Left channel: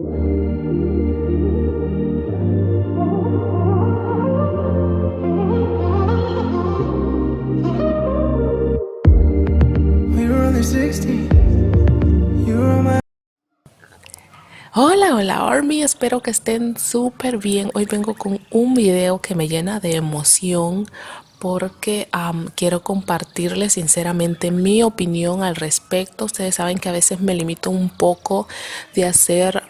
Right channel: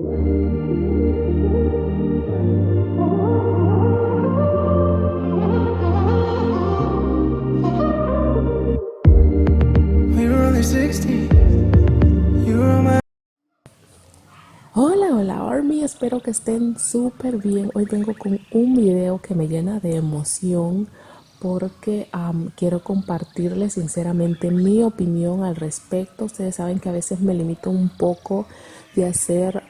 We were only 16. You were my. Hola, hola Army, espero que estén súper bien. Hoy vengo con un video que me llena de emoción porque quiero compartirles sinceramente mi opinión al respecto. Ustedes saben que a veces me limito un poco de hacer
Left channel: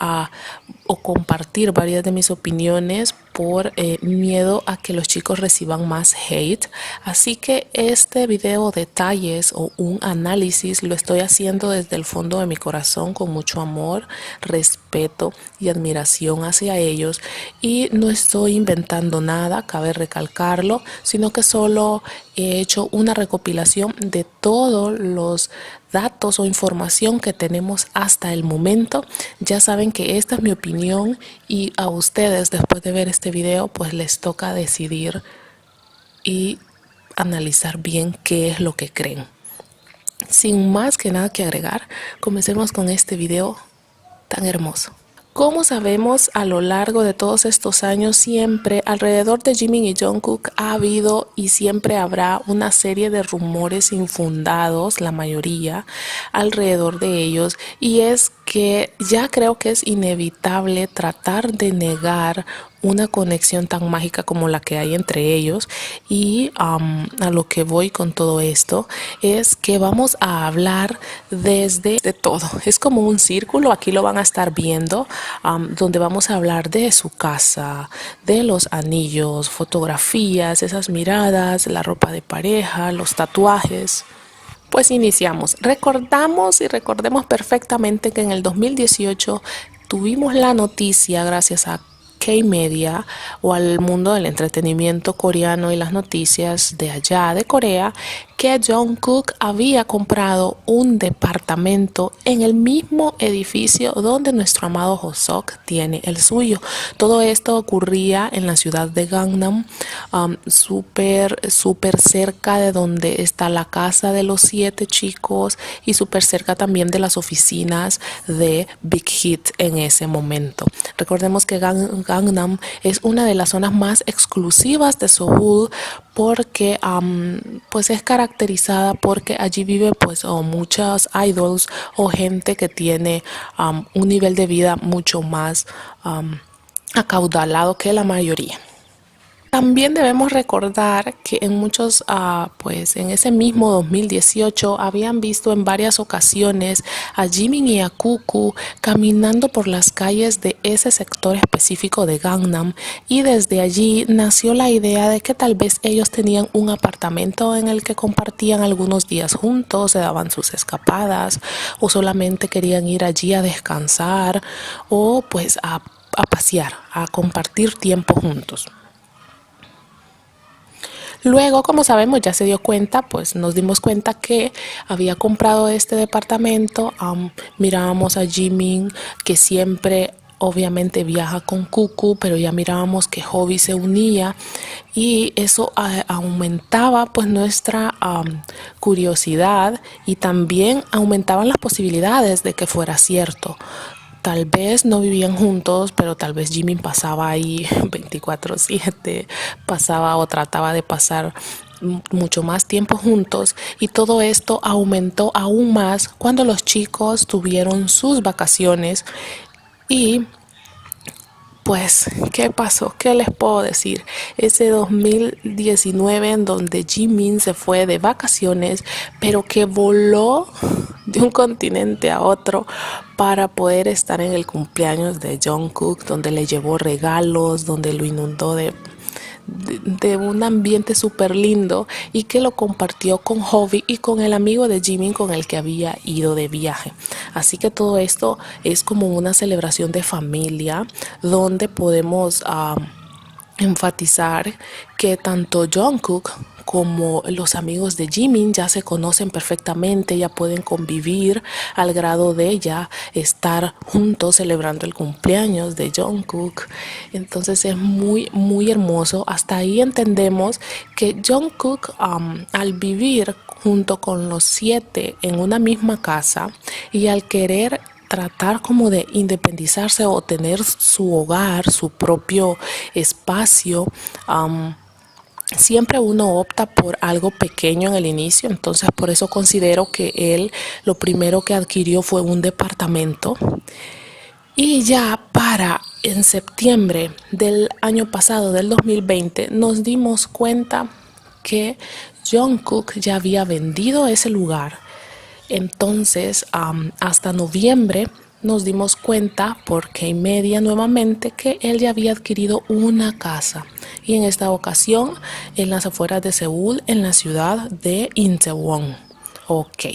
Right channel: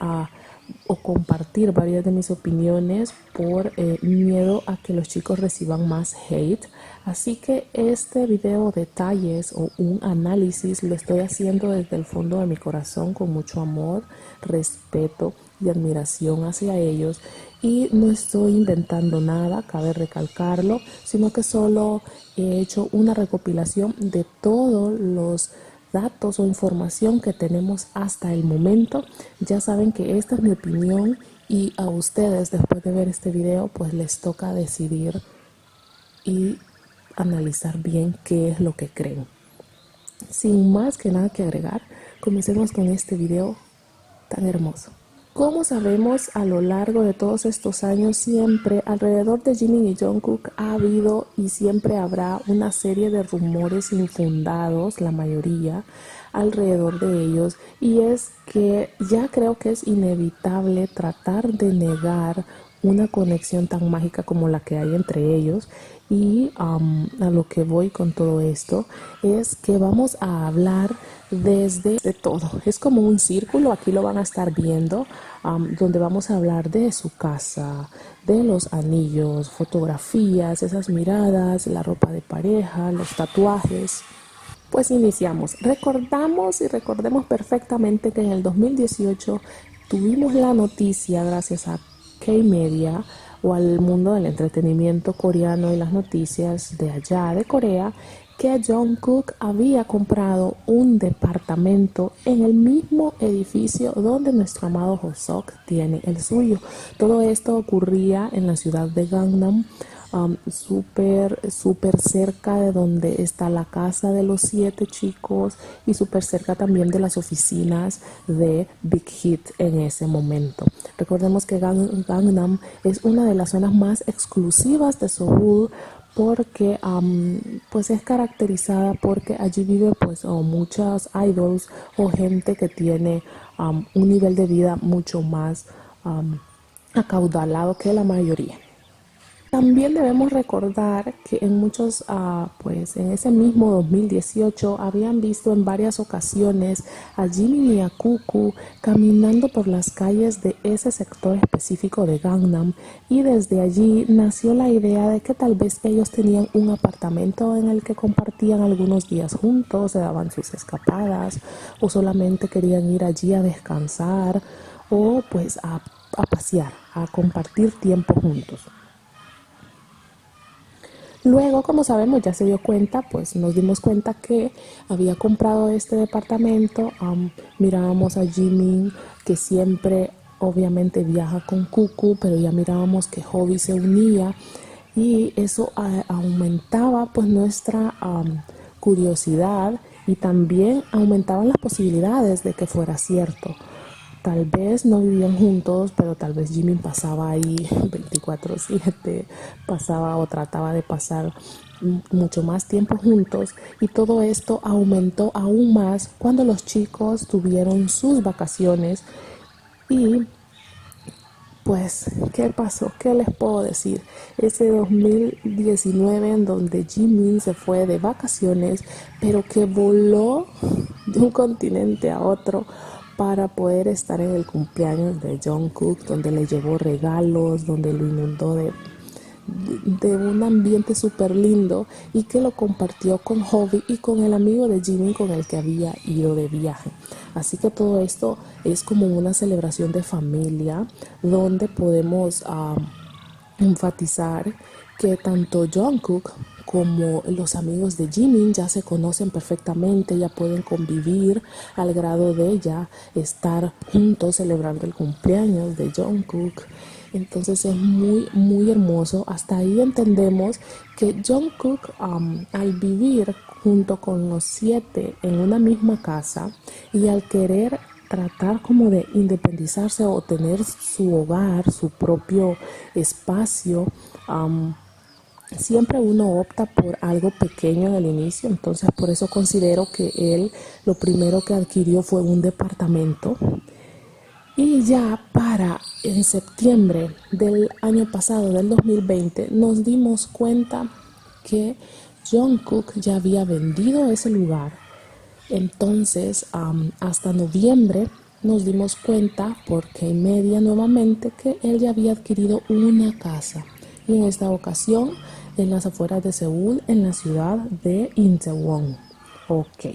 o compartir varias de mis opiniones por miedo a que los chicos reciban más hate. Así que este video detalles o un análisis lo estoy haciendo desde el fondo de mi corazón con mucho amor, respeto y admiración hacia ellos, y no estoy inventando nada, cabe recalcarlo, sino que solo he hecho una recopilación de todos los datos o información que tenemos hasta el momento. Ya saben que esta es mi opinión y a ustedes, después de ver este video, pues les toca decidir y analizar bien qué es lo que creen. Sin más que nada que agregar, comencemos con este video tan hermoso. Como sabemos, a lo largo de todos estos años, siempre alrededor de Jimin y Jungkook ha habido y siempre habrá una serie de rumores infundados, la mayoría, alrededor de ellos, y es que ya creo que es inevitable tratar de negar una conexión tan mágica como la que hay entre ellos. Y a lo que voy con todo esto es que vamos a hablar desde de todo. Es como un círculo, aquí lo van a estar viendo, donde vamos a hablar de su casa, de los anillos, fotografías, esas miradas, la ropa de pareja, los tatuajes. Pues iniciamos. Recordemos perfectamente que en el 2018 tuvimos la noticia, gracias a K-Media o al mundo del entretenimiento coreano y las noticias de allá de Corea, que Jungkook había comprado un departamento en el mismo edificio donde nuestro amado Hoseok tiene el suyo. Todo esto ocurría en la ciudad de Gangnam, súper cerca de donde está la casa de los 7 chicos y súper cerca también de las oficinas de Big Hit en ese momento. Recordemos que Gangnam es una de las zonas más exclusivas de Seúl, porque pues es caracterizada porque allí viven pues muchas idols o gente que tiene un nivel de vida mucho más acaudalado que la mayoría. También debemos recordar que en muchos, pues en ese mismo 2018 habían visto en varias ocasiones a Jimin y a Cuckoo caminando por las calles de ese sector específico de Gangnam, y desde allí nació la idea de que tal vez ellos tenían un apartamento en el que compartían algunos días juntos, se daban sus escapadas o solamente querían ir allí a descansar o pues a pasear, a compartir tiempo juntos. Luego, como sabemos, ya se dio cuenta, pues nos dimos cuenta que había comprado este departamento. Mirábamos a Jimin, que siempre obviamente viaja con Cuckoo, pero ya mirábamos que Hobby se unía, y eso aumentaba pues nuestra curiosidad, y también aumentaban las posibilidades de que fuera cierto. Tal vez no vivían juntos, pero tal vez Jimin pasaba ahí 24/7, pasaba o trataba de pasar mucho más tiempo juntos, y todo esto aumentó aún más cuando los chicos tuvieron sus vacaciones. Y pues, ¿qué pasó? ¿Qué les puedo decir? Ese 2019 en donde Jimin se fue de vacaciones, pero que voló de un continente a otro para poder estar en el cumpleaños de Jungkook, donde le llevó regalos, donde lo inundó de un ambiente súper lindo, y que lo compartió con Hobby y con el amigo de Jimin con el que había ido de viaje. Así que todo esto es como una celebración de familia, donde podemos enfatizar que tanto Jungkook como los amigos de Jimin ya se conocen perfectamente, ya pueden convivir al grado de ya estar juntos celebrando el cumpleaños de Jungkook. Entonces es muy hermoso. Hasta ahí entendemos que Jungkook, al vivir junto con los 7 en una misma casa y al querer tratar como de independizarse o tener su hogar, su propio espacio, siempre uno opta por algo pequeño en el inicio. Entonces por eso considero que él lo primero que adquirió fue un departamento. Y ya para en septiembre del año pasado, del 2020, nos dimos cuenta que Jungkook ya había vendido ese lugar. Entonces, hasta noviembre nos dimos cuenta por K-Media nuevamente que él ya había adquirido una casa. Y en esta ocasión en las afueras de Seúl, en la ciudad de Incheon. Ok.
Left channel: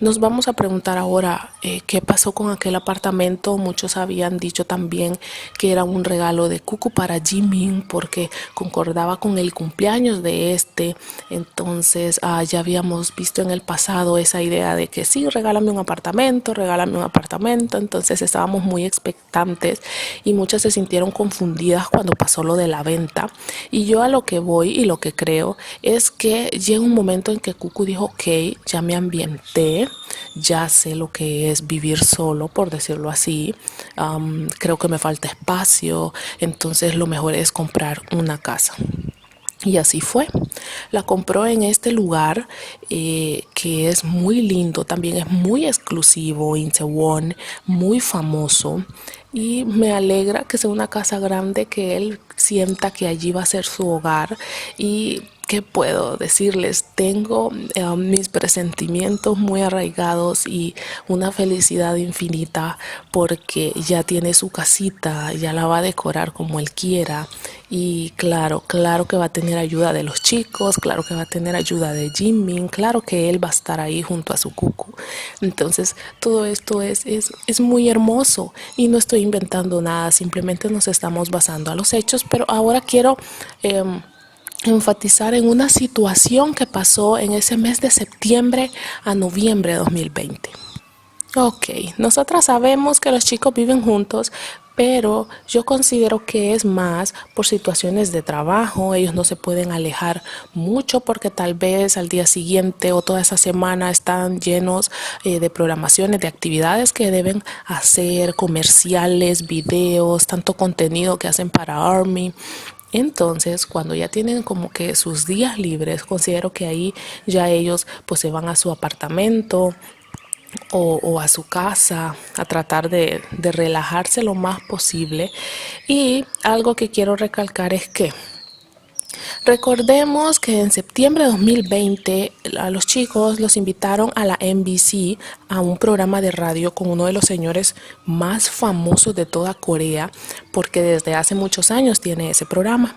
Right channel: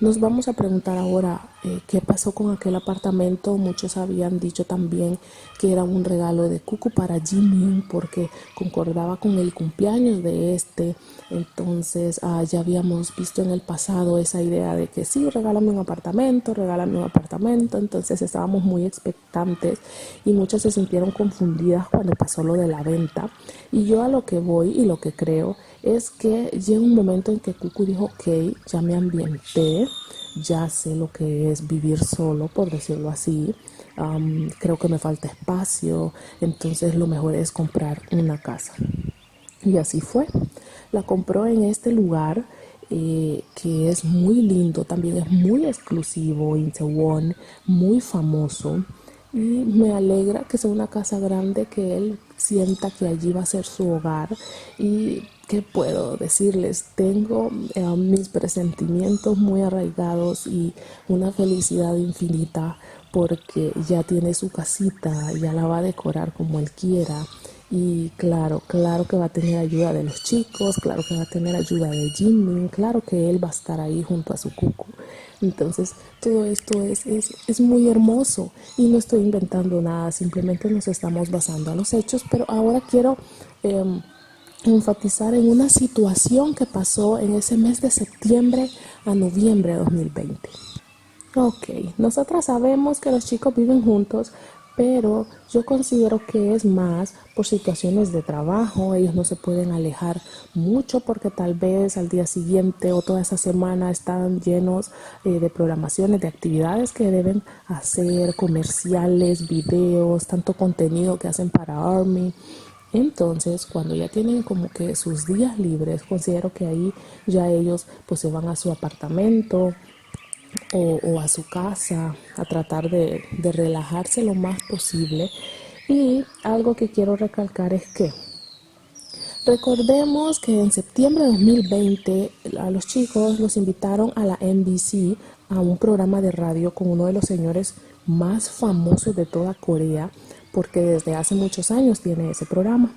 Nos vamos a preguntar ahora qué pasó con aquel apartamento. Muchos habían dicho también que era un regalo de Cucu para Jimin porque concordaba con el cumpleaños de este. Entonces ya habíamos visto en el pasado esa idea de que sí, regálame un apartamento, regálame un apartamento. Entonces estábamos muy expectantes y muchas se sintieron confundidas cuando pasó lo de la venta. Y yo a lo que voy y lo que creo es que llega un momento en que Cucu dijo, ok, ya me ambienté, ya sé lo que es vivir solo, por decirlo así. Creo que me falta espacio, entonces lo mejor es comprar una casa. Y así fue. La compró en este lugar que es muy lindo, también es muy exclusivo, Incheon, muy famoso. Y me alegra que sea una casa grande, que él sienta que allí va a ser su hogar. Y ¿qué puedo decirles? Tengo mis presentimientos muy arraigados y una felicidad infinita porque ya tiene su casita, ya la va a decorar como él quiera. Y claro que va a tener ayuda de los chicos, claro que va a tener ayuda de Jimin, claro que él va a estar ahí junto a su Cucu. Entonces todo esto es muy hermoso y no estoy inventando nada, simplemente nos estamos basando a los hechos, pero ahora quiero enfatizar en una situación que pasó en ese mes de septiembre a noviembre de 2020. Ok, nosotras sabemos que los chicos viven juntos, pero yo considero que es más por situaciones de trabajo. Ellos no se pueden alejar mucho porque tal vez al día siguiente o toda esa semana están llenos de programaciones, de actividades que deben hacer, comerciales, videos, tanto contenido que hacen para ARMY. Entonces, cuando ya tienen como que sus días libres, considero que ahí ya ellos pues se van a su apartamento o a su casa a tratar de relajarse lo más posible. Y algo que quiero recalcar es que recordemos que en septiembre de 2020 a los chicos los invitaron a la MBC a un programa de radio con uno de los señores más famosos de toda Corea, porque desde hace muchos años tiene ese programa.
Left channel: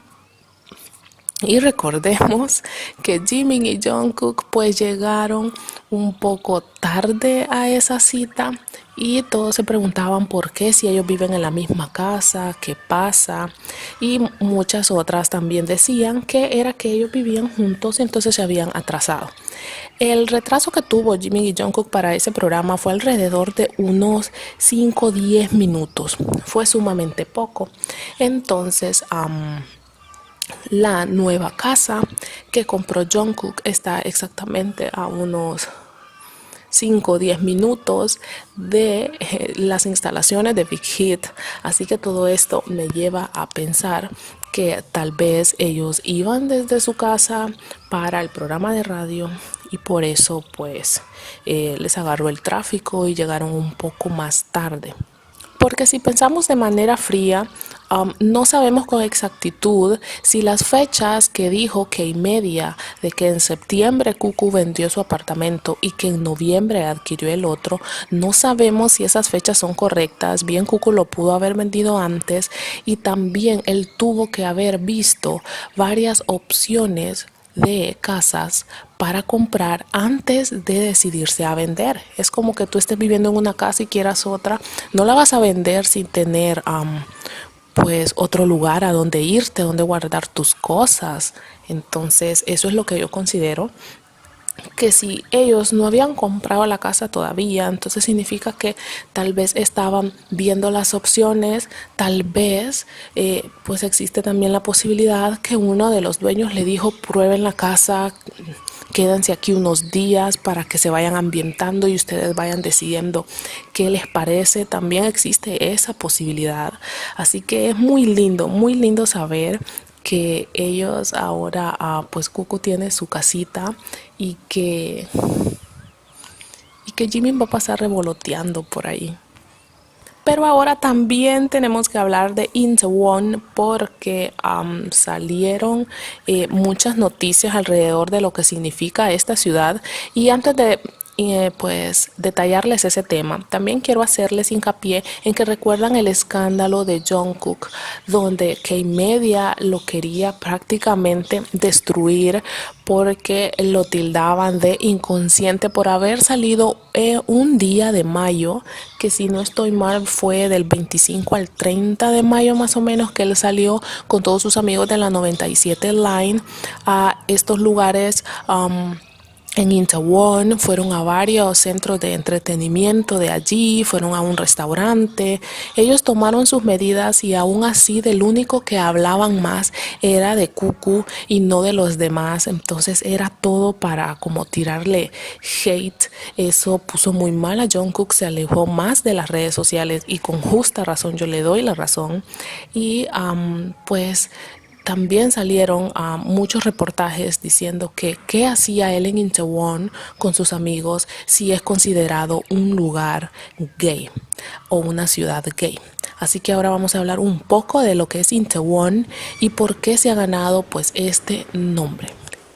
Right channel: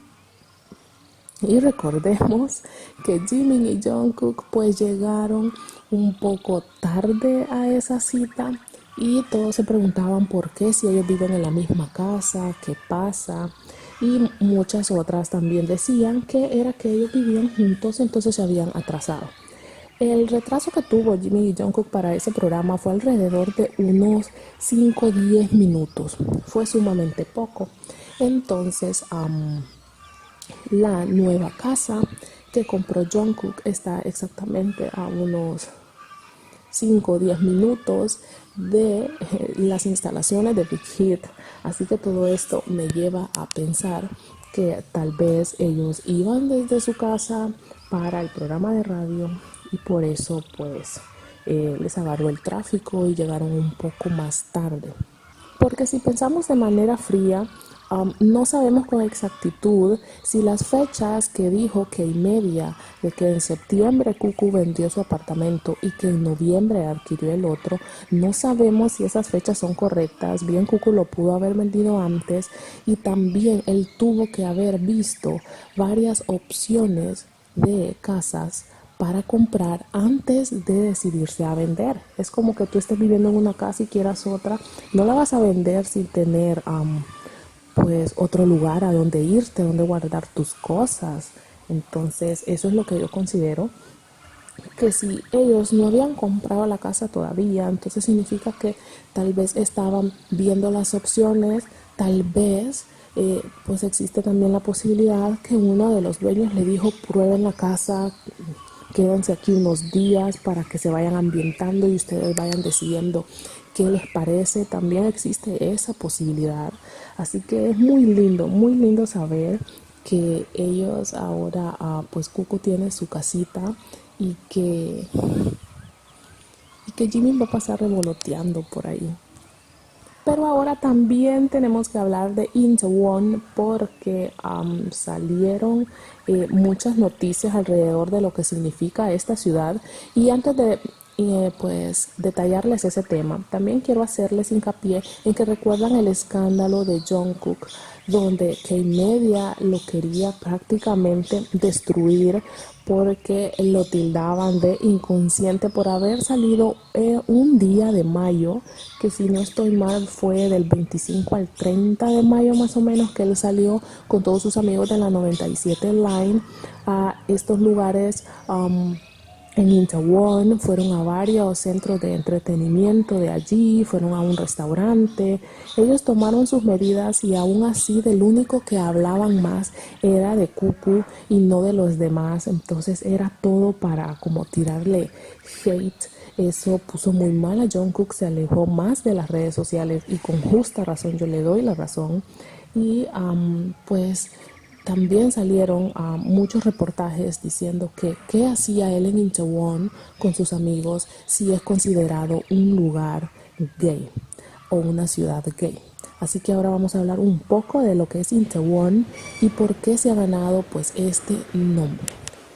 Y recordemos que Jimin y Jungkook pues llegaron un poco tarde a esa cita y todos se preguntaban por qué, si ellos viven en la misma casa, qué pasa. Y muchas otras también decían que era que ellos vivían juntos y entonces se habían atrasado. El retraso que tuvo Jimin y Jungkook para ese programa fue alrededor de unos 5 o 10 minutos. Fue sumamente poco. Entonces, la nueva casa que compró Jungkook está exactamente a unos 5 o 10 minutos de las instalaciones de Big Hit. Así que todo esto me lleva a pensar que tal vez ellos iban desde su casa para el programa de radio y por eso pues les agarró el tráfico y llegaron un poco más tarde. Porque si pensamos de manera fría, no sabemos con exactitud si las fechas que dijo K-Media de que en septiembre Cucu vendió su apartamento y que en noviembre adquirió el otro, no sabemos si esas fechas son correctas. Bien, Cucu lo pudo haber vendido antes y también él tuvo que haber visto varias opciones de casas para comprar antes de decidirse a vender. Es como que tú estés viviendo en una casa y quieras otra, no la vas a vender sin tener pues otro lugar a donde irte, donde guardar tus cosas. Entonces eso es lo que yo considero, que si ellos no habían comprado la casa todavía, entonces significa que tal vez estaban viendo las opciones, tal vez pues existe también la posibilidad que uno de los dueños le dijo prueben la casa, quédense aquí unos días para que se vayan ambientando y ustedes vayan decidiendo qué les parece. También existe esa posibilidad. Así que es muy lindo saber que ellos ahora, pues Cucu tiene su casita y que Jimmy va a pasar revoloteando por ahí. Pero ahora también tenemos que hablar de Itaewon porque salieron muchas noticias alrededor de lo que significa esta ciudad. Y antes de pues detallarles ese tema, también quiero hacerles hincapié en que recuerdan el escándalo de Jungkook, donde K-Media lo quería prácticamente destruir porque lo tildaban de inconsciente por haber salido un día de mayo, que si no estoy mal fue del 25 al 30 de mayo más o menos, que él salió con todos sus amigos de la 97 Line a estos lugares. En Itaewon fueron a varios centros de entretenimiento de allí, fueron a un restaurante. Ellos tomaron sus medidas y aún así del único que hablaban más era de Cucu y no de los demás. Entonces era todo para como tirarle hate. Eso puso muy mal a Jungkook, se alejó más de las redes sociales y con justa razón, yo le doy la razón. Y pues también salieron muchos reportajes diciendo que qué hacía él en Itaewon con sus amigos si es considerado un lugar gay o una ciudad gay. Así que ahora vamos a hablar un poco de lo que es Itaewon y por qué se ha ganado pues este nombre.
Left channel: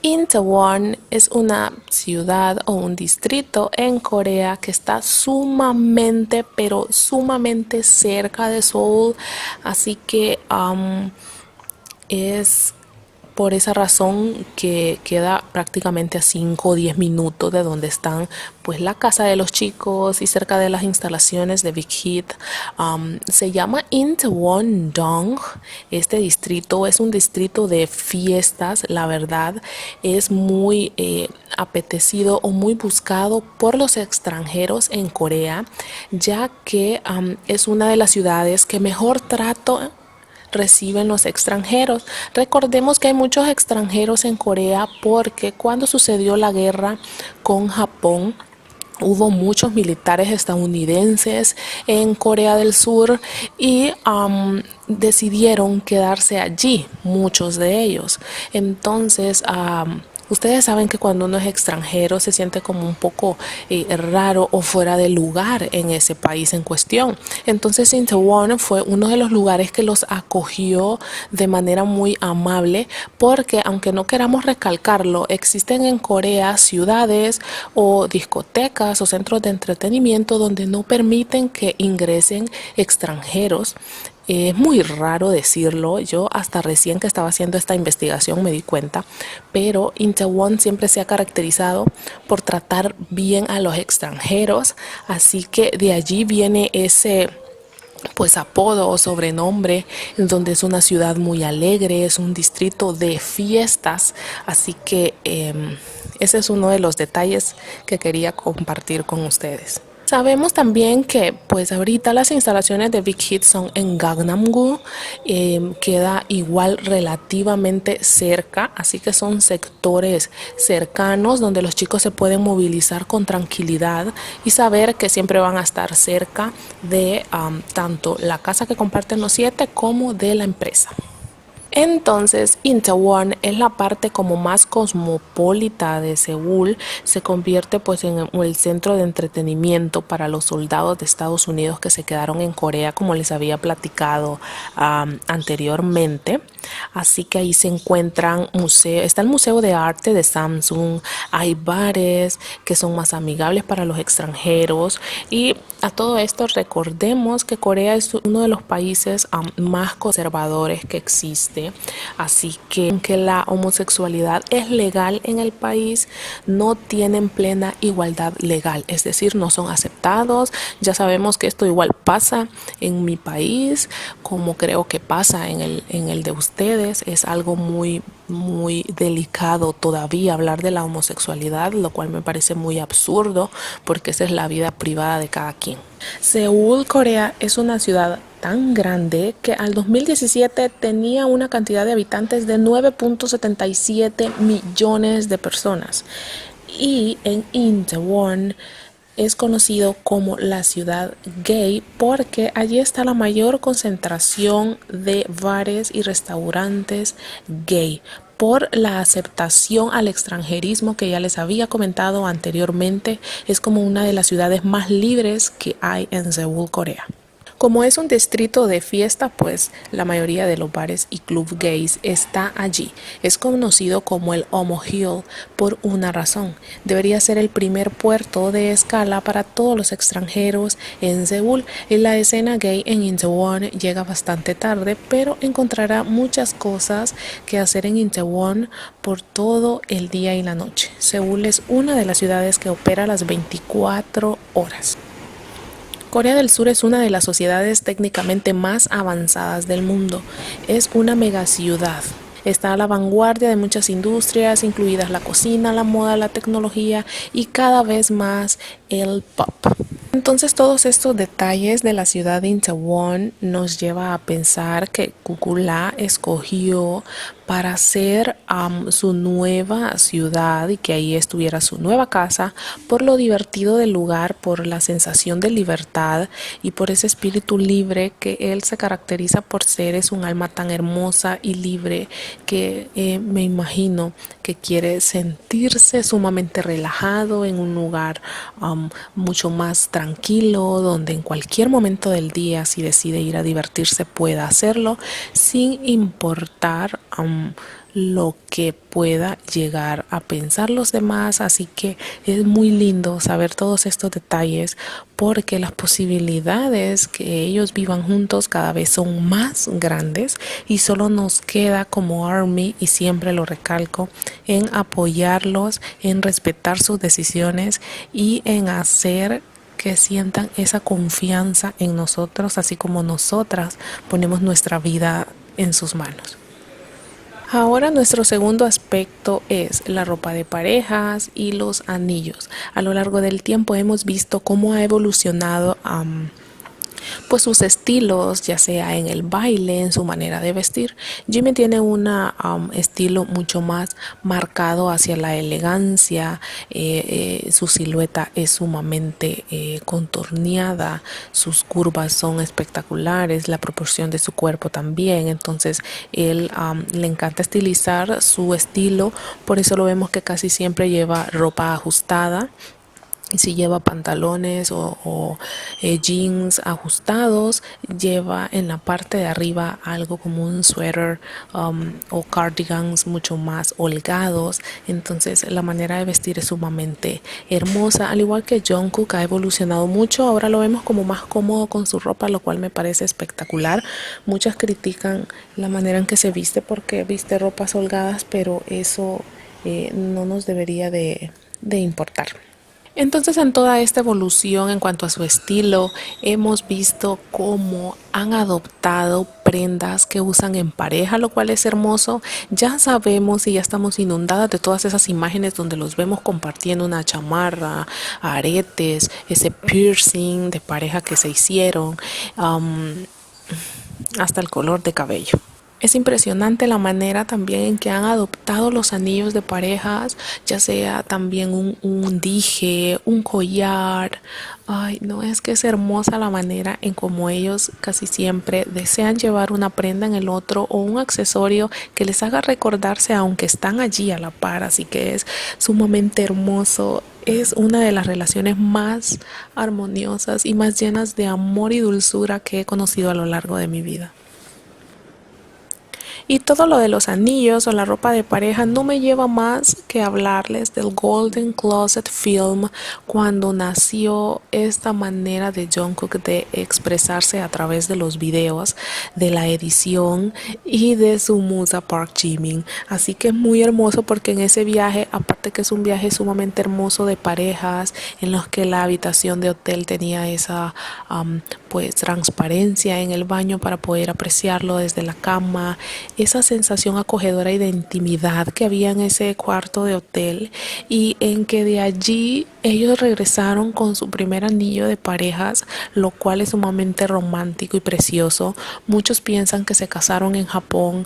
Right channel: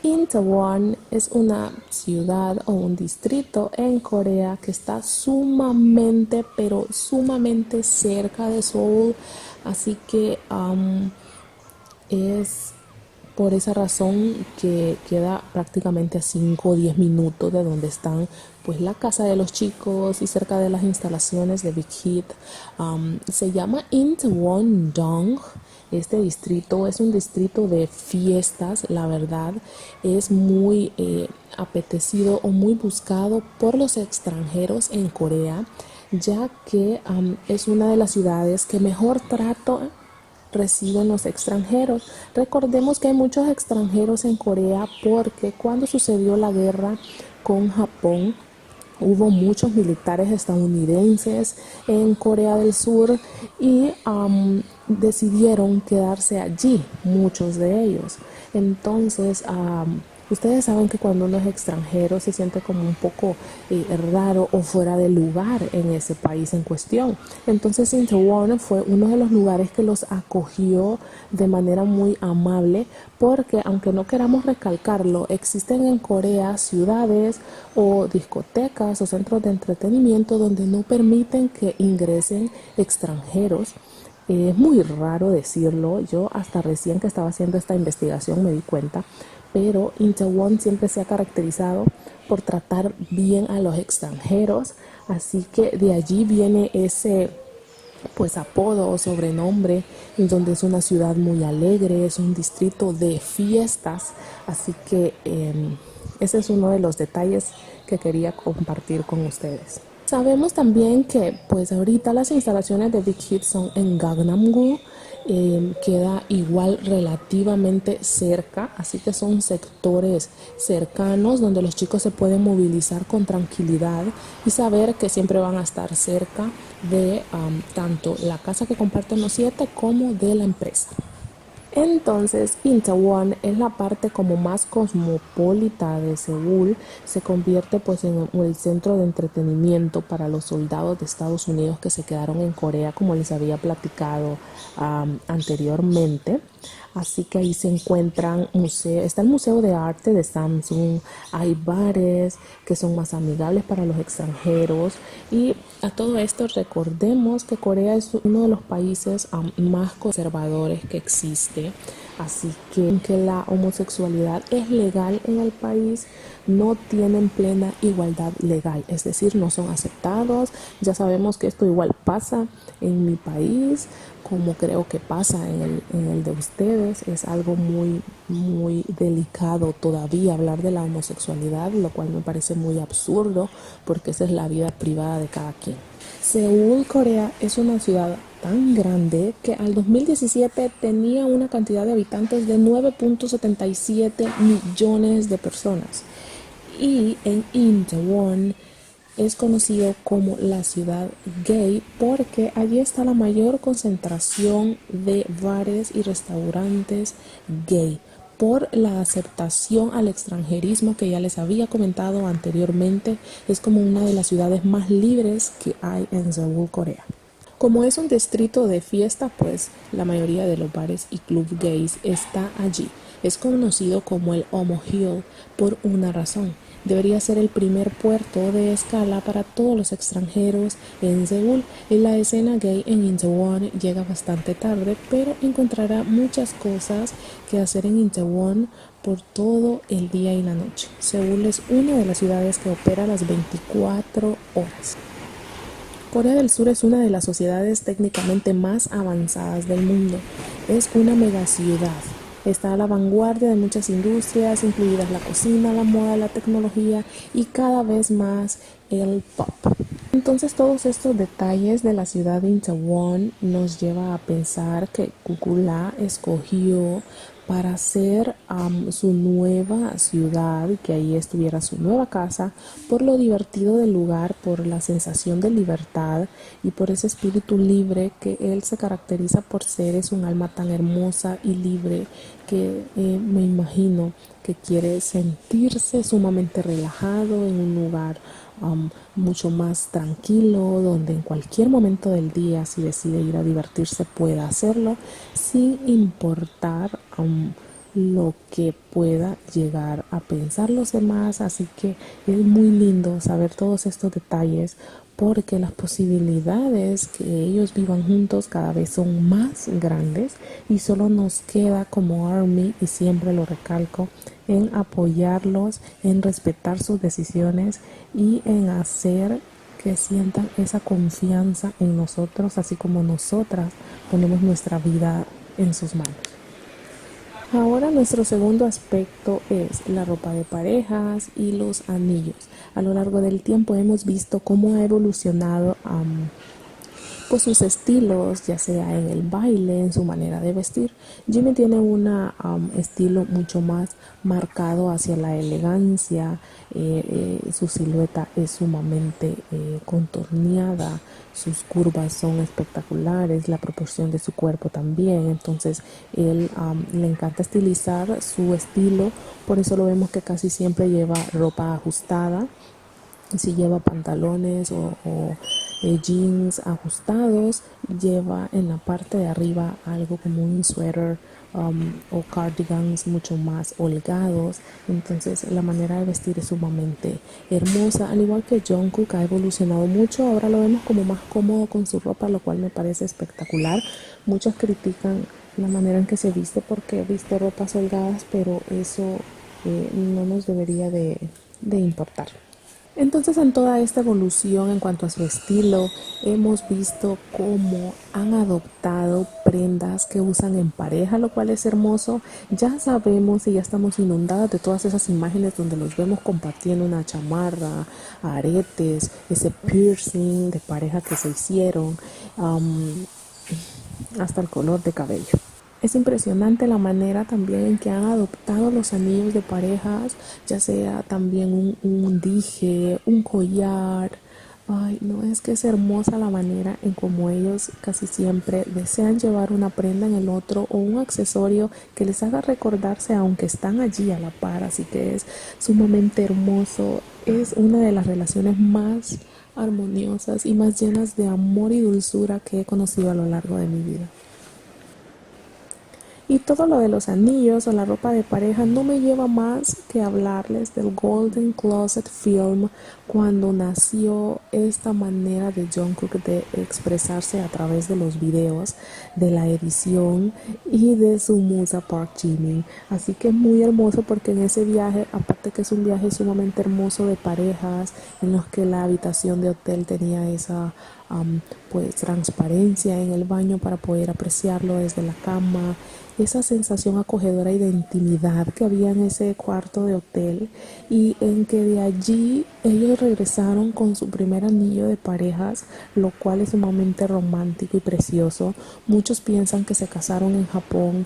Itaewon es una ciudad o un distrito en Corea que está sumamente, pero sumamente cerca de Seúl. Así que es por esa razón que queda prácticamente a 5 o 10 minutos de donde están pues la casa de los chicos y cerca de las instalaciones de Big Hit. Se llama Itaewon-dong. Este distrito es un distrito de fiestas, la verdad es muy apetecido o muy buscado por los extranjeros en Corea, ya que es una de las ciudades que mejor trato reciben los extranjeros. Recordemos que hay muchos extranjeros en Corea porque cuando sucedió la guerra con Japón, hubo muchos militares estadounidenses en Corea del Sur y decidieron quedarse allí, muchos de ellos. Entonces, ustedes saben que cuando uno es extranjero se siente como un poco raro o fuera de lugar en ese país en cuestión. Entonces Itaewon fue uno de los lugares que los acogió de manera muy amable porque aunque no queramos recalcarlo, existen en Corea ciudades o discotecas o centros de entretenimiento donde no permiten que ingresen extranjeros. Es muy raro decirlo, yo hasta recién que estaba haciendo esta investigación me di cuenta, pero Itaewon siempre se ha caracterizado por tratar bien a los extranjeros, así que de allí viene ese pues apodo o sobrenombre, donde es una ciudad muy alegre, es un distrito de fiestas, así que ese es uno de los detalles que quería compartir con ustedes. Sabemos también que pues ahorita las instalaciones de Big Hit son en Gangnam-gu, queda igual relativamente cerca, así que son sectores cercanos donde los chicos se pueden movilizar con tranquilidad y saber que siempre van a estar cerca de tanto la casa que comparten los 7 como de la empresa. Entonces, Itaewon es la parte como más cosmopolita de Seúl, se convierte pues en el centro de entretenimiento para los soldados de Estados Unidos que se quedaron en Corea, como les había platicado anteriormente. Así que ahí se encuentran museos, está el Museo de Arte de Samsung, hay bares que son más amigables para los extranjeros y a todo esto recordemos que Corea es uno de los países más conservadores que existe. Así que aunque la homosexualidad es legal en el país, no tienen plena igualdad legal, es decir, no son aceptados. Ya sabemos que esto igual pasa en mi país, como creo que pasa en el de ustedes. Es algo muy delicado todavía hablar de la homosexualidad, lo cual me parece muy absurdo porque esa es la vida privada de cada quien. Seúl, Corea, es una ciudad tan grande que al 2017 tenía una cantidad de habitantes de 9.77 millones de personas. Y en Itaewon es conocido como la ciudad gay porque allí está la mayor concentración de bares y restaurantes gay por la aceptación al extranjerismo que ya les había comentado anteriormente. Es como una de las ciudades más libres que hay en Seúl, Corea. Como es un distrito de fiesta, pues la mayoría de los bares y clubs gays está allí. Es conocido como el Omo Hill por una razón. Debería ser el primer puerto de escala para todos los extranjeros en Seúl. Y la escena gay en Itaewon llega bastante tarde, pero encontrará muchas cosas que hacer en Itaewon por todo el día y la noche. Seúl es una de las ciudades que opera las 24 horas. Corea del Sur es una de las sociedades técnicamente más avanzadas del mundo. Es una megaciudad. Está a la vanguardia de muchas industrias, incluidas la cocina, la moda, la tecnología y cada vez más el pop. Entonces todos estos detalles de la ciudad de Itaewon nos lleva a pensar que Kukula escogió para hacer su nueva ciudad y que ahí estuviera su nueva casa por lo divertido del lugar, por la sensación de libertad y por ese espíritu libre que él se caracteriza por ser. Es un alma tan hermosa y libre que me imagino que quiere sentirse sumamente relajado en un lugar mucho más tranquilo, donde en cualquier momento del día, si decide ir a divertirse, pueda hacerlo sin importar lo que pueda llegar a pensar los demás. Así que es muy lindo saber todos estos detalles porque las posibilidades que ellos vivan juntos cada vez son más grandes y solo nos queda como ARMY, y siempre lo recalco, en apoyarlos, en respetar sus decisiones y en hacer que sientan esa confianza en nosotros, así como nosotras ponemos nuestra vida en sus manos. Ahora nuestro segundo aspecto es la ropa de parejas y los anillos. A lo largo del tiempo hemos visto cómo ha evolucionado pues sus estilos, ya sea en el baile, en su manera de vestir. Jimmy tiene un estilo mucho más marcado hacia la elegancia. Su silueta es sumamente contorneada, sus curvas son espectaculares, la proporción de su cuerpo también. Entonces él le encanta estilizar su estilo, por eso lo vemos que casi siempre lleva ropa ajustada. Y si lleva pantalones o jeans ajustados, lleva en la parte de arriba algo como un suéter o cardigans mucho más holgados. Entonces la manera de vestir es sumamente hermosa. Al igual que Jungkook ha evolucionado mucho, ahora lo vemos como más cómodo con su ropa, lo cual me parece espectacular. Muchas critican la manera en que se viste porque viste ropas holgadas, pero eso no nos debería de importar. Entonces, en toda esta evolución en cuanto a su estilo, hemos visto cómo han adoptado prendas que usan en pareja, lo cual es hermoso. Ya sabemos y ya estamos inundadas de todas esas imágenes donde los vemos compartiendo una chamarra, aretes, ese piercing de pareja que se hicieron, hasta el color de cabello. Es impresionante la manera también en que han adoptado los anillos de parejas, ya sea también un dije, un collar. Ay, no, es que es hermosa la manera en cómo ellos casi siempre desean llevar una prenda en el otro o un accesorio que les haga recordarse aunque están allí a la par. Así que es sumamente hermoso. Es una de las relaciones más armoniosas y más llenas de amor y dulzura que he conocido a lo largo de mi vida. Y todo lo de los anillos o la ropa de pareja no me lleva más que hablarles del Golden Closet Film, cuando nació esta manera de Jungkook de expresarse a través de los videos, de la edición y de su musa Park Jimin. Así que es muy hermoso porque en ese viaje, aparte que es un viaje sumamente hermoso de parejas, en los que la habitación de hotel tenía esa pues transparencia en el baño para poder apreciarlo desde la cama, esa sensación acogedora y de intimidad que había en ese cuarto de hotel, y en que de allí ellos regresaron con su primer anillo de parejas, lo cual es sumamente romántico y precioso. Muchos piensan que se casaron en Japón,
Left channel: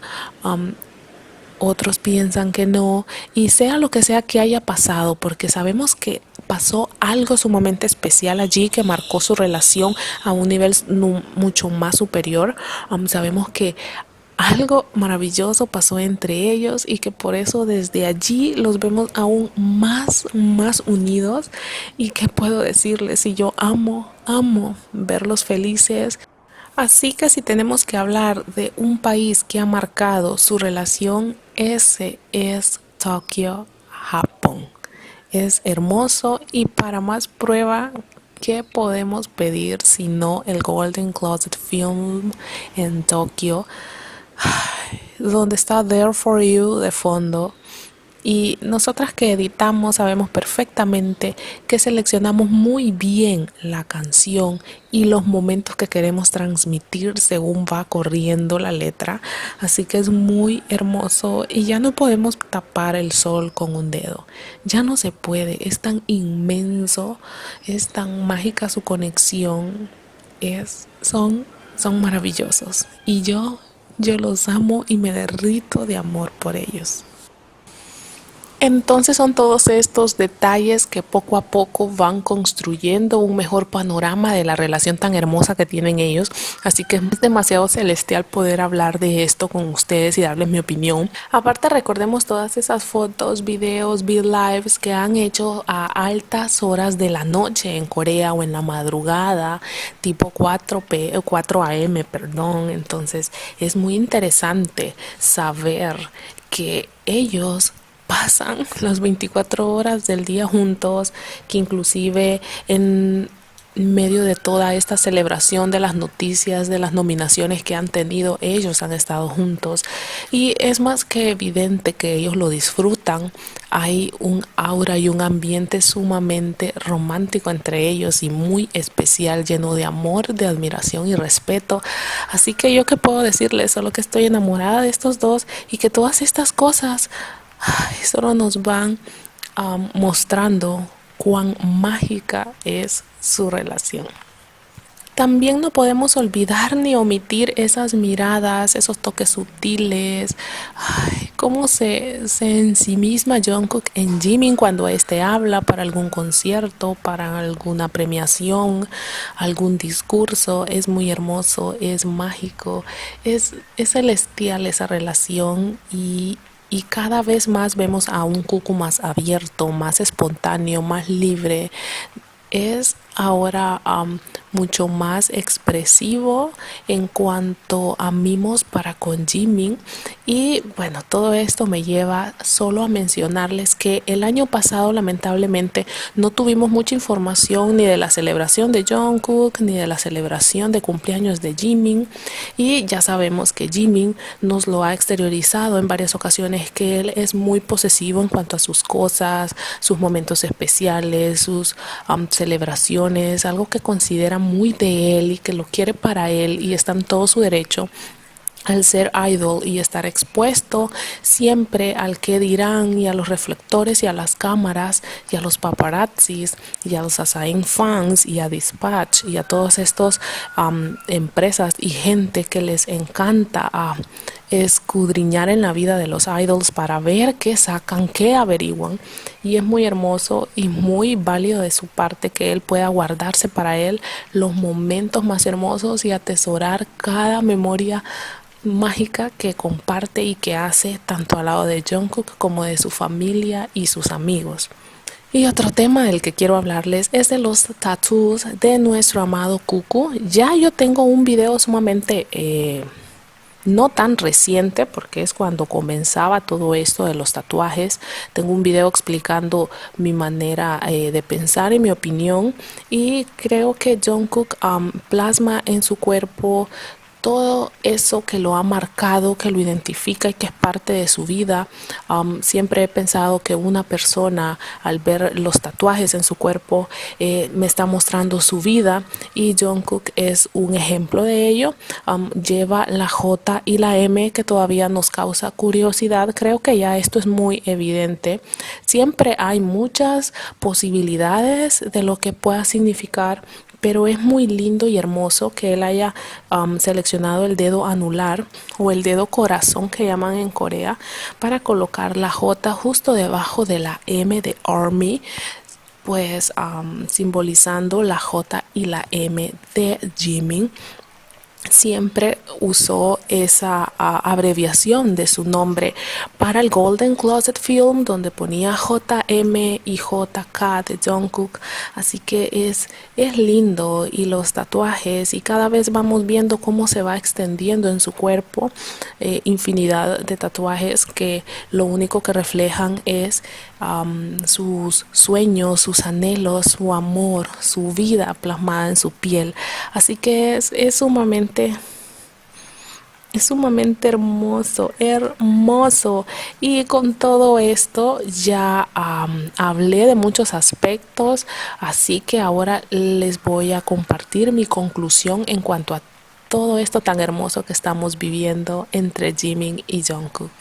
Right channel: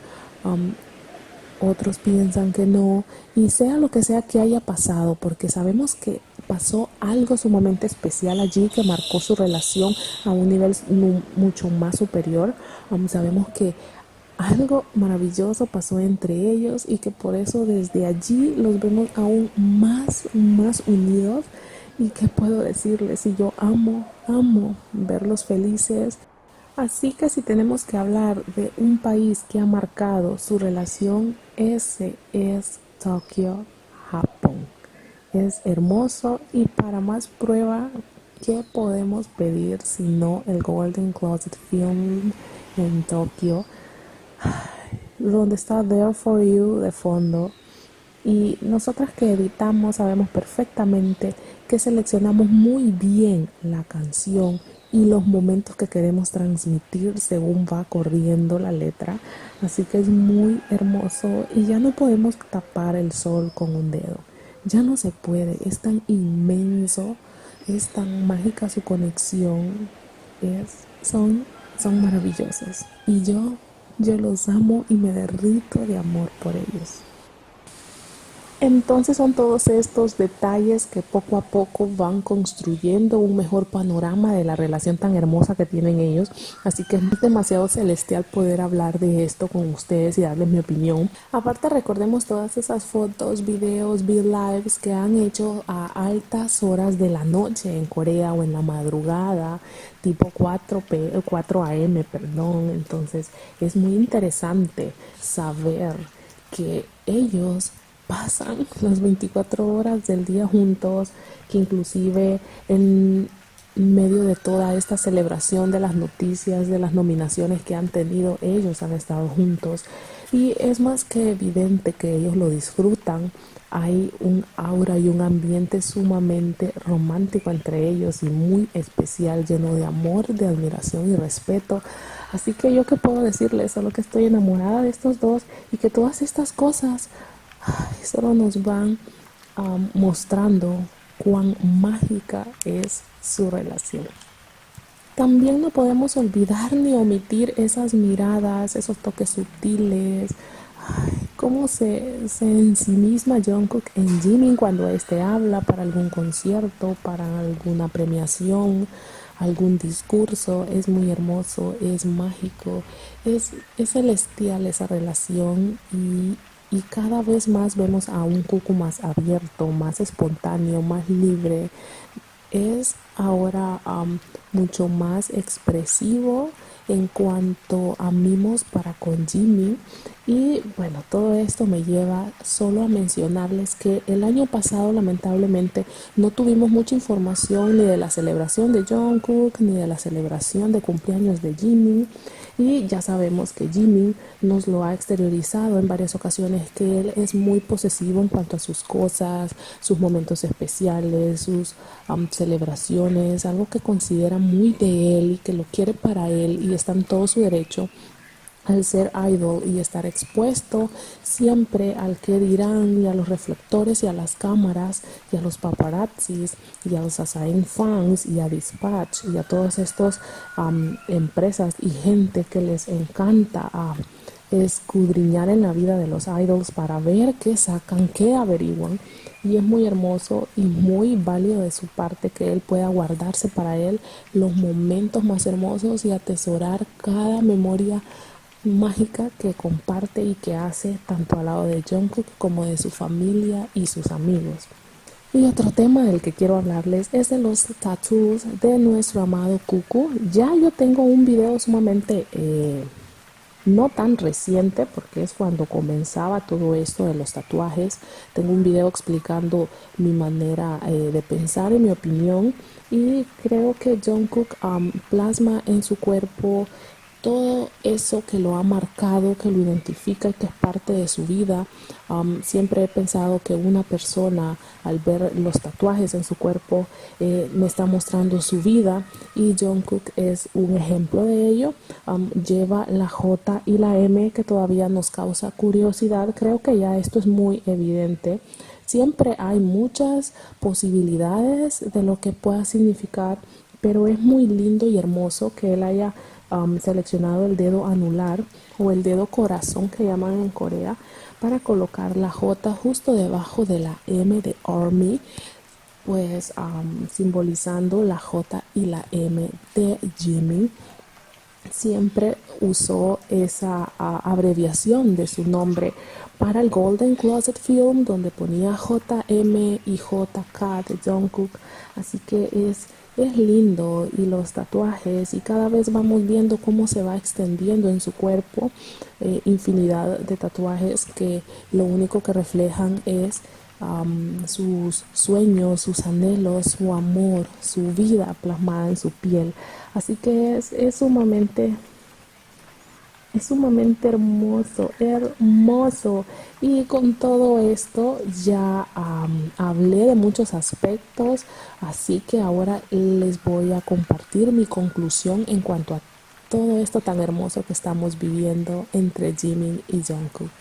otros piensan que no, y sea lo que sea que haya pasado, porque sabemos que pasó algo sumamente especial allí que marcó su relación a un nivel mucho más superior. Sabemos que algo maravilloso pasó entre ellos y que por eso desde allí los vemos aún más unidos. Y qué puedo decirles, si yo amo verlos felices. Así que si tenemos que hablar de un país que ha marcado su relación, ese es Tokio, Japón. Es hermoso, y para más prueba, ¿qué podemos pedir si no el Golden Closet Film en Tokio, donde está There For You de fondo? Y nosotras que editamos sabemos perfectamente que seleccionamos muy bien la canción y los momentos que queremos transmitir según va corriendo la letra. Así que es muy hermoso y ya no podemos tapar el sol con un dedo. Ya no se puede, es tan inmenso, es tan mágica su conexión. Son maravillosos. Y yo los amo y me derrito de amor por ellos. Entonces son todos estos detalles que poco a poco van construyendo un mejor panorama de la relación tan hermosa que tienen ellos. Así que es demasiado celestial poder hablar de esto con ustedes y darles mi opinión. Aparte, recordemos todas esas fotos, videos, lives que han hecho a altas horas de la noche en Corea o en la madrugada, tipo 4 a.m., perdón. Entonces es muy interesante saber que ellos pasan las 24 horas del día juntos, que inclusive en medio de toda esta celebración de las noticias, de las nominaciones que han tenido, ellos han estado juntos, y es más que evidente que ellos lo disfrutan. Hay un aura y un ambiente sumamente romántico entre ellos y muy especial, lleno de amor, de admiración y respeto. Así que yo qué puedo decirles, solo que estoy enamorada de estos dos y que todas estas cosas solo nos van mostrando cuán mágica es su relación. También no podemos olvidar ni omitir esas miradas, esos toques sutiles. Cómo se ensimisma Jungkook en Jimin cuando este habla para algún concierto, para alguna premiación, algún discurso. Es muy hermoso, es mágico, es celestial esa relación, y cada vez más vemos a un Cucu más abierto, más espontáneo, más libre. Es ahora mucho más expresivo en cuanto a mimos para con Jimin. Y bueno, todo esto me lleva solo a mencionarles que el año pasado lamentablemente no tuvimos mucha información ni de la celebración de Jungkook ni de la celebración de cumpleaños de Jimin, y ya sabemos que Jimin nos lo ha exteriorizado en varias ocasiones, que él es muy posesivo en cuanto a sus cosas, sus momentos especiales, sus celebraciones, algo que considera muy de él y que lo quiere para él, y está en todo su derecho al ser idol y estar expuesto siempre al que dirán y a los reflectores y a las cámaras y a los paparazzis y a los Asain fans y a Dispatch y a todas estas empresas y gente que les encanta escudriñar en la vida de los idols para ver qué sacan, qué averiguan. Y es muy hermoso y muy válido de su parte que él pueda guardarse para él los momentos más hermosos y atesorar cada memoria mágica que comparte y que hace tanto al lado de Jungkook como de su familia y sus amigos. Y otro tema del que quiero hablarles es de los tattoos de nuestro amado Cucu. Ya yo tengo un video sumamente no tan reciente, porque es cuando comenzaba todo esto de los tatuajes. Tengo un video explicando mi manera de pensar y mi opinión, y creo que Jungkook plasma en su cuerpo todo eso que lo ha marcado, que lo identifica y que es parte de su vida. Siempre he pensado que una persona al ver los tatuajes en su cuerpo me está mostrando su vida, y Jungkook es un ejemplo de ello. Lleva la J y la M, que todavía nos causa curiosidad. Creo que ya esto es muy evidente. Siempre hay muchas posibilidades de lo que pueda significar, pero es muy lindo y hermoso que él haya seleccionado el dedo anular o el dedo corazón que llaman en Corea, para colocar la J justo debajo de la M de Army, pues simbolizando la J y la M de Jimin. Siempre usó esa abreviación de su nombre para el Golden Closet Film, donde ponía JM y JK de Jungkook. Así que es lindo, y los tatuajes, y cada vez vamos viendo cómo se va extendiendo en su cuerpo, infinidad de tatuajes que lo único que reflejan es sus sueños, sus anhelos, su amor, su vida plasmada en su piel. Así que es sumamente hermoso, hermoso. Y con todo esto ya hablé de muchos aspectos, así que ahora les voy a compartir mi conclusión en cuanto a todo esto tan hermoso que estamos viviendo entre Jimin y Jungkook.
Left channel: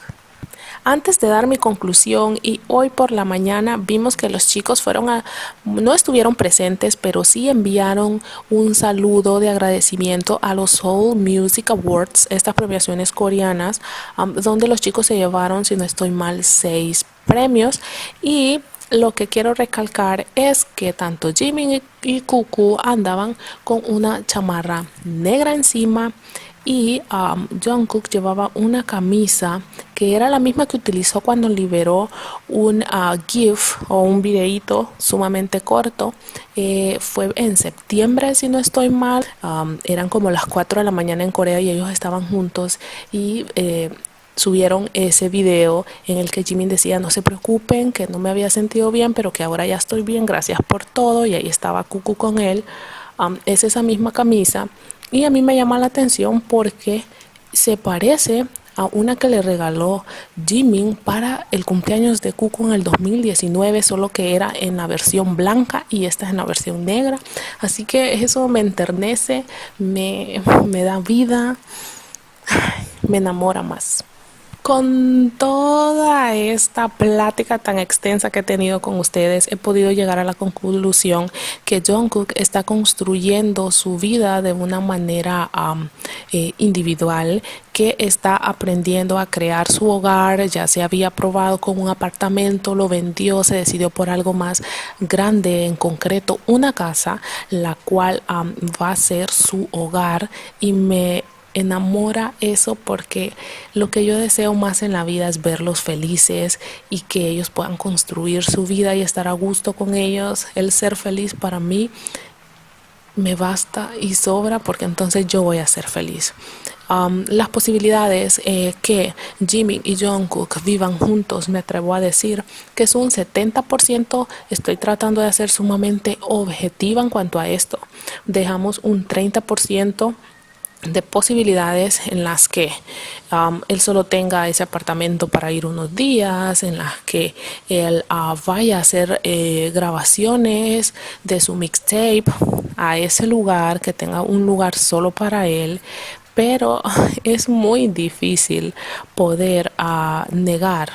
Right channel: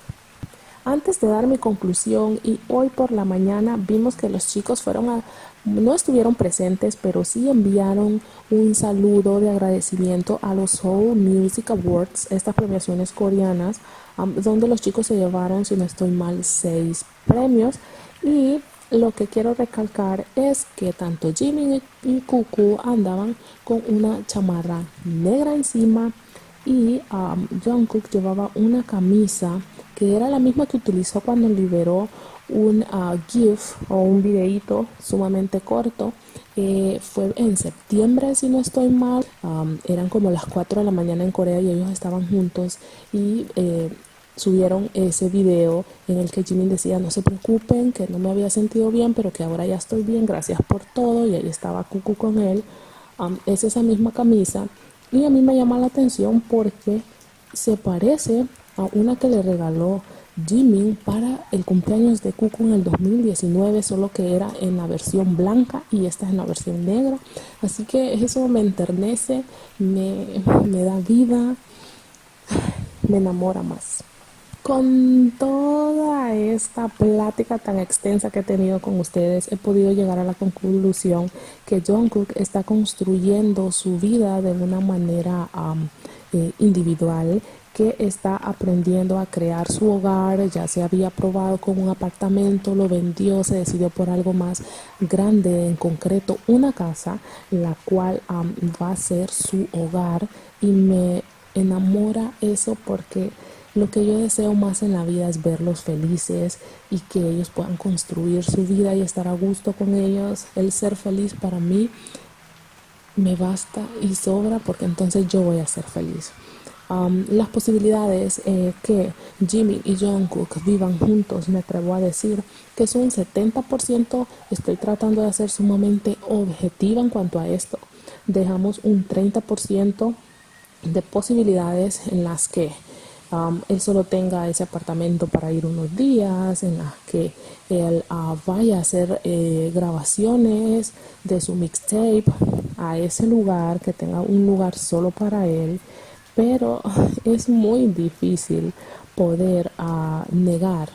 Antes de dar mi conclusión, y hoy por la mañana vimos que los chicos no estuvieron presentes, pero sí enviaron un saludo de agradecimiento a los Seoul Music Awards, estas premiaciones coreanas, donde los chicos se llevaron, si no estoy mal, 6 premios. Y lo que quiero recalcar es que tanto Jimin y Cuckoo andaban con una chamarra negra encima, y Jungkook llevaba una camisa que era la misma que utilizó cuando liberó un GIF o un videíto sumamente corto. Fue en septiembre, si no estoy mal. Eran como las 4 de la mañana en Corea y ellos estaban juntos, y subieron ese video en el que Jimin decía: no se preocupen, que no me había sentido bien, pero que ahora ya estoy bien, gracias por todo. Y ahí estaba Cuckoo con él. Es esa misma camisa, y a mí me llama la atención porque se parece a una que le regaló Jimin para el cumpleaños de Cuckoo en el 2019, solo que era en la versión blanca y esta es en la versión negra. Así que eso me enternece, me da vida, me enamora más. Con toda esta plática tan extensa que he tenido con ustedes, he podido llegar a la conclusión que Jungkook está construyendo su vida de una manera individual, que está aprendiendo a crear su hogar. Ya se había probado con un apartamento, lo vendió, se decidió por algo más grande, en concreto una casa, la cual va a ser su hogar, y me enamora eso, porque lo que yo deseo más en la vida es verlos felices y que ellos puedan construir su vida y estar a gusto con ellos. El ser feliz para mí me basta y sobra, porque entonces yo voy a ser feliz. Las posibilidades que Jimin y Jungkook vivan juntos, me atrevo a decir que es un 70%. Estoy tratando de ser sumamente objetiva en cuanto a esto. Dejamos un 30% de posibilidades en las que él solo tenga ese apartamento para ir unos días, en las que él vaya a hacer grabaciones de su mixtape a ese lugar, que tenga un lugar solo para él. Pero es muy difícil poder negar.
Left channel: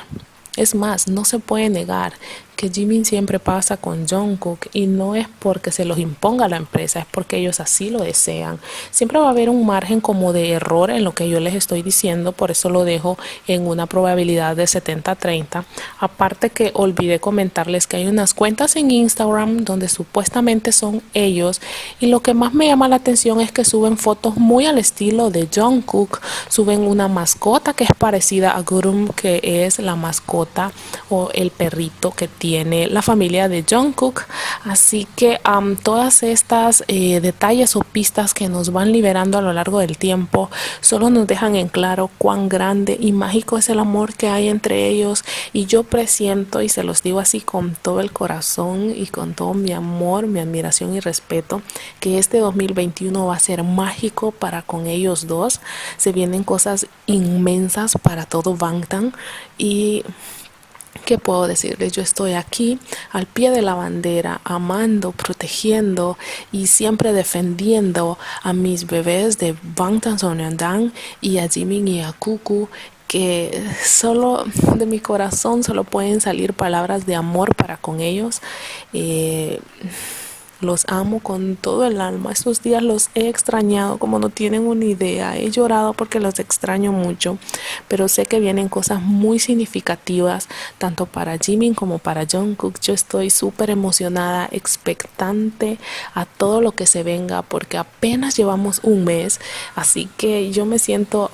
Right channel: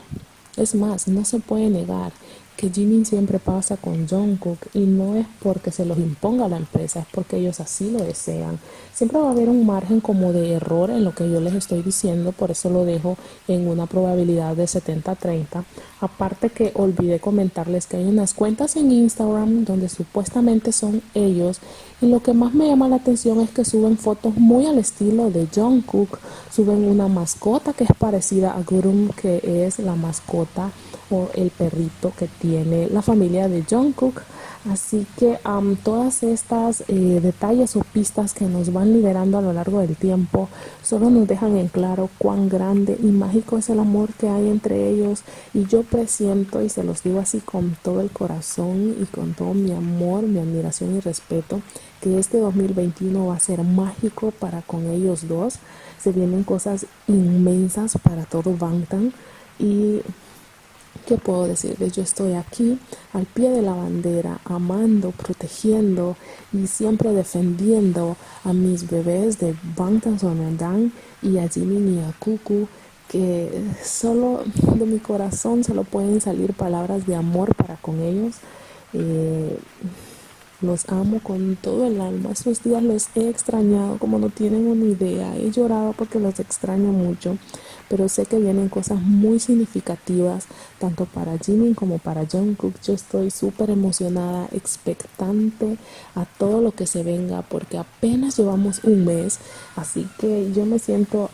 Es más, no se puede negar que Jimin siempre pasa con Jungkook, y no es porque se los imponga la empresa, es porque ellos así lo desean. Siempre va a haber un margen como de error en lo que yo les estoy diciendo, por eso lo dejo en una probabilidad de 70-30. Aparte que olvidé comentarles que hay unas cuentas en Instagram donde supuestamente son ellos, y lo que más me llama la atención es que suben fotos muy al estilo de Jungkook. Suben una mascota que es parecida a Gurum, que es la mascota o el perrito que tiene la familia de Jungkook. Así que todas estas detalles o pistas que nos van liberando a lo largo del tiempo solo nos dejan en claro cuán grande y mágico es el amor que hay entre ellos. Y yo presiento, y se los digo así con todo el corazón y con todo mi amor, mi admiración y respeto, que este 2021 va a ser mágico para con ellos dos. Se vienen cosas inmensas para todo Bangtan. Y ¿qué puedo decirles? Yo estoy aquí al pie de la bandera, amando, protegiendo y siempre defendiendo a mis bebés de Bangtan Sonyeondan y a Jimin y a Cuckoo, que solo de mi corazón solo pueden salir palabras de amor para con ellos. Eh, los amo con todo el alma. Estos días los he extrañado como no tienen una idea. He llorado porque los extraño mucho, pero sé que vienen cosas muy significativas tanto para Jimin como para Jungkook. Yo estoy súper emocionada, expectante a todo lo que se venga porque apenas llevamos un mes, así que yo me siento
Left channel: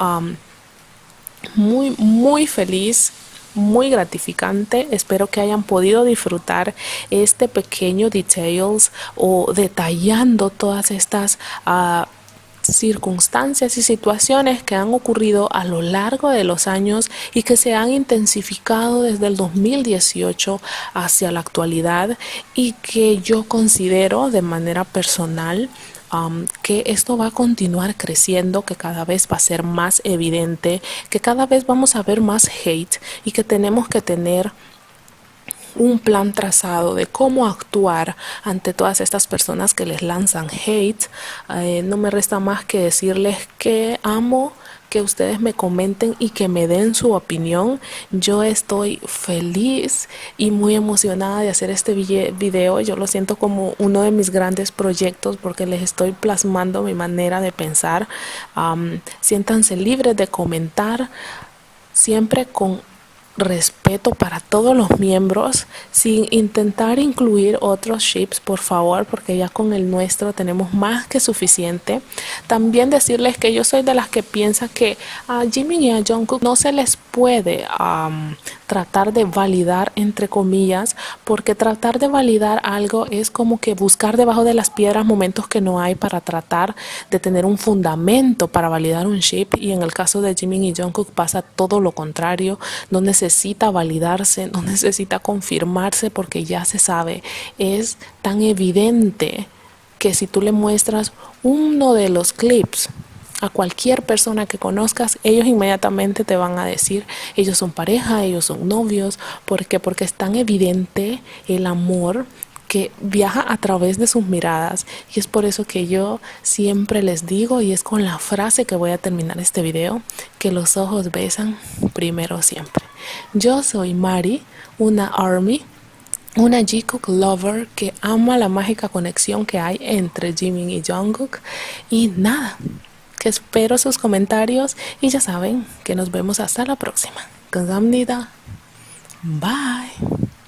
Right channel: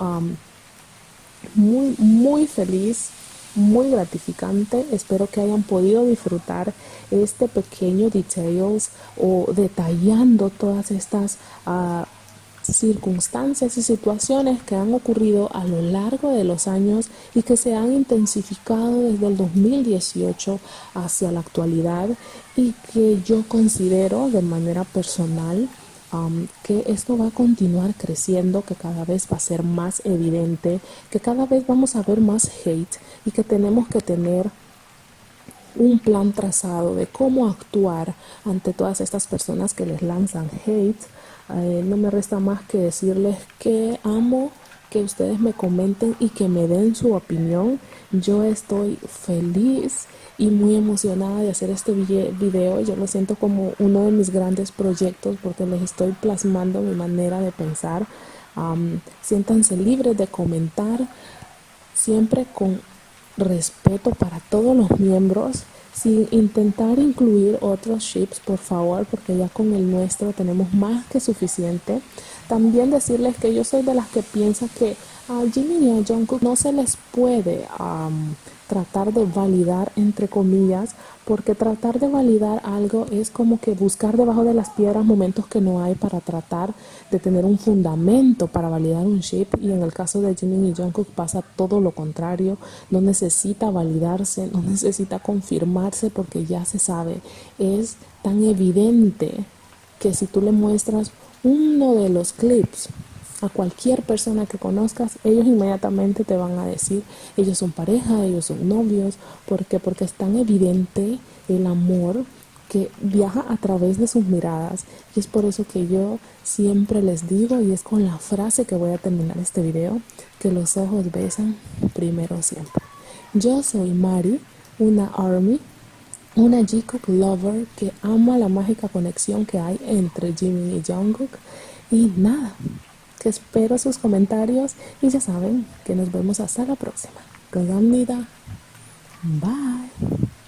muy feliz, muy gratificante. Espero que hayan podido disfrutar este pequeño details o detallando todas estas circunstancias y situaciones que han ocurrido a lo largo de los años y que se han intensificado desde el 2018 hacia la actualidad, y que yo considero de manera personal que esto va a continuar creciendo, que cada vez va a ser más evidente, que cada vez vamos a ver más hate y que tenemos que tener un plan trazado de cómo actuar ante todas estas personas que les lanzan hate. No me resta más que decirles que amo que ustedes me comenten y que me den su opinión. Yo estoy feliz y muy emocionada de hacer este video. Yo lo siento como uno de mis grandes proyectos porque les estoy plasmando mi manera de pensar. Siéntanse libres de comentar, siempre con respeto para todos los miembros, sin intentar incluir otros ships, por favor, porque ya con el nuestro tenemos más que suficiente. También decirles que yo soy de las que piensa que a Jimin y a Jungkook no se les puede tratar de validar, entre comillas, porque tratar de validar algo es como que buscar debajo de las piedras momentos que no hay para tratar de tener un fundamento para validar un ship. Y en el caso de Jimin y Jungkook pasa todo lo contrario. No necesita validarse, no necesita confirmarse porque ya se sabe. Es tan evidente que si tú le muestras uno de los clips a cualquier persona que conozcas, ellos inmediatamente te van a decir, ellos son pareja, ellos son novios. ¿Por qué? Porque es tan evidente el amor que viaja a través de sus miradas. Y es por eso que yo siempre les digo, y es con la frase que voy a terminar este video, que los ojos besan primero siempre. Yo soy Mari, una ARMY, una Jikook lover que ama la mágica conexión que hay entre Jimin y Jungkook. Y nada, que espero sus comentarios y ya saben que nos vemos hasta la próxima. 감사합니다. Bye.